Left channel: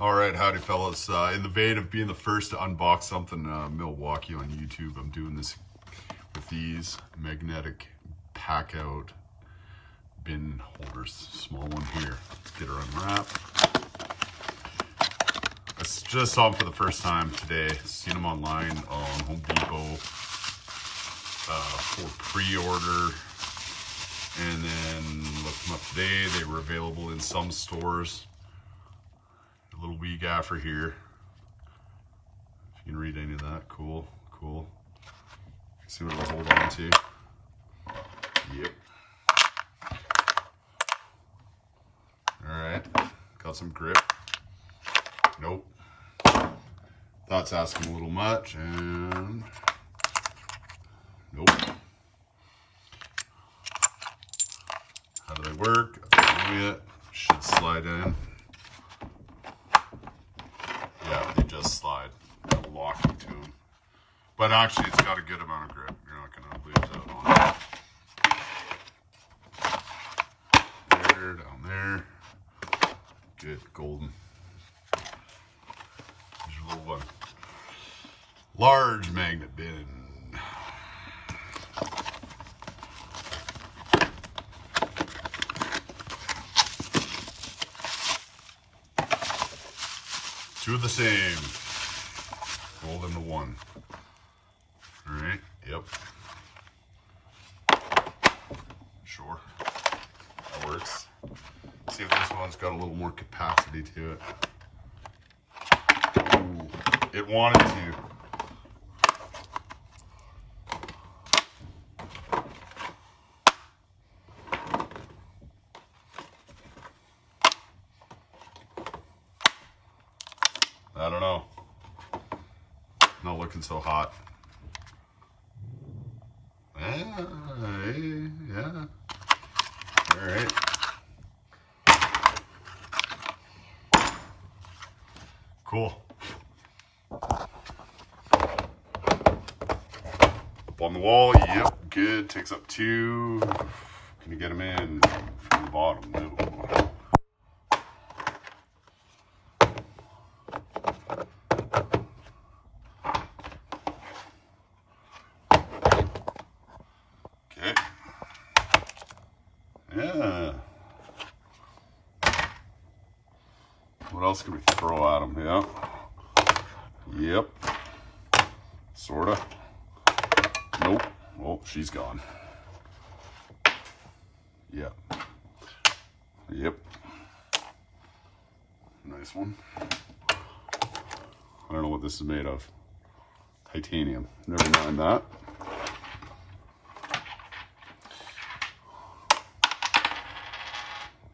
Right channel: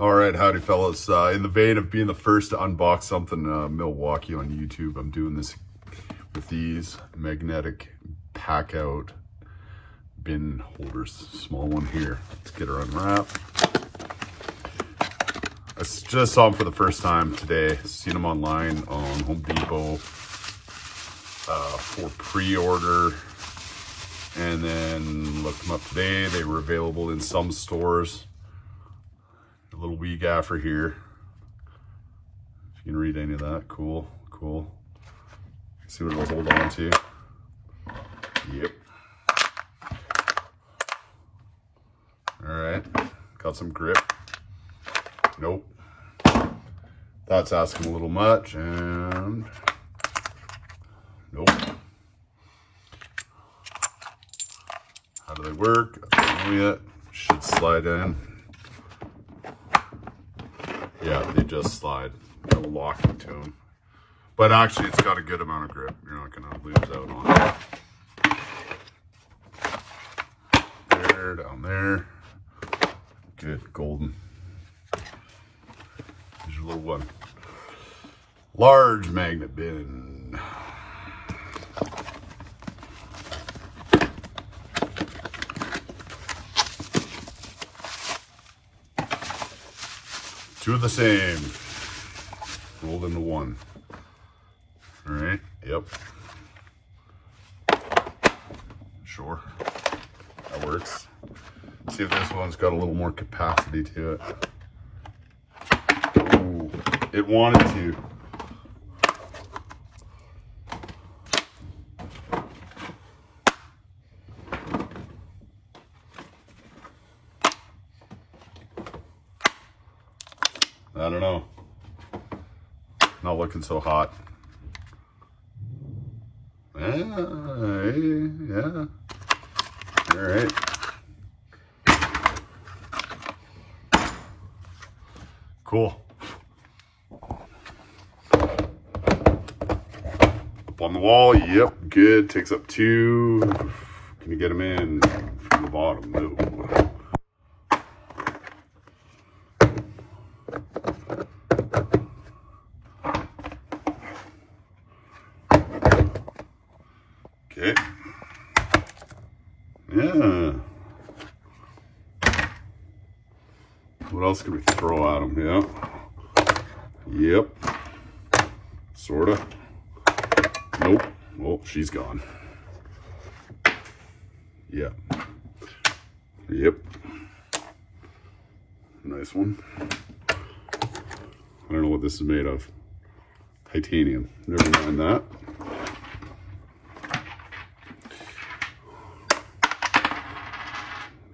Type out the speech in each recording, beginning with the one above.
All right, howdy fellas. In the vein of being the first to unbox something Milwaukee on YouTube, I'm doing this with these magnetic Packout bin holders. Small one here. Let's get her unwrapped. I just saw them for the first time today. Seen them online on Home Depot for pre-order, and then looked them up today. They were available in some stores a little week after here. If you can read any of that, cool. See what it'll hold on to. Yep. All right, got some grip. Nope. That's asking a little much, and nope. How do they work? I don't know yet. Should slide in. Yeah, they just slide. I'll lock into them. But actually, it's got a good amount of grip. You're not going to lose out on it. There, down there. Good, golden. Here's your little one. Large magnet bin. Two of the same, rolled into one. All right, yep. Sure, that works. See if this one's got a little more capacity to it. Ooh, it wanted to. I don't know. Not looking so hot. Yeah. All right. Cool. Up on the wall. Yep. Good. Takes up two. Can you get them in from the bottom? No. Okay. Yeah. What else can we throw at them? Yeah. Yep. Sorta. Nope. Oh, she's gone. Yep. Yep. Nice one. I don't know what this is made of. Titanium. Never mind that.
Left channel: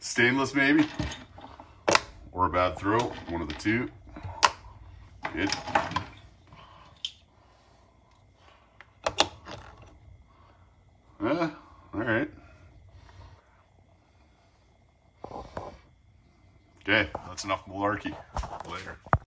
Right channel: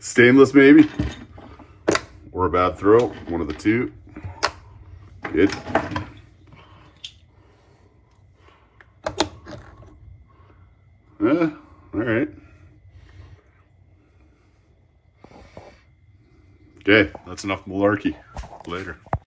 Stainless maybe, or a bad throw, one of the two. Good. All right. Okay, that's enough malarkey. Later.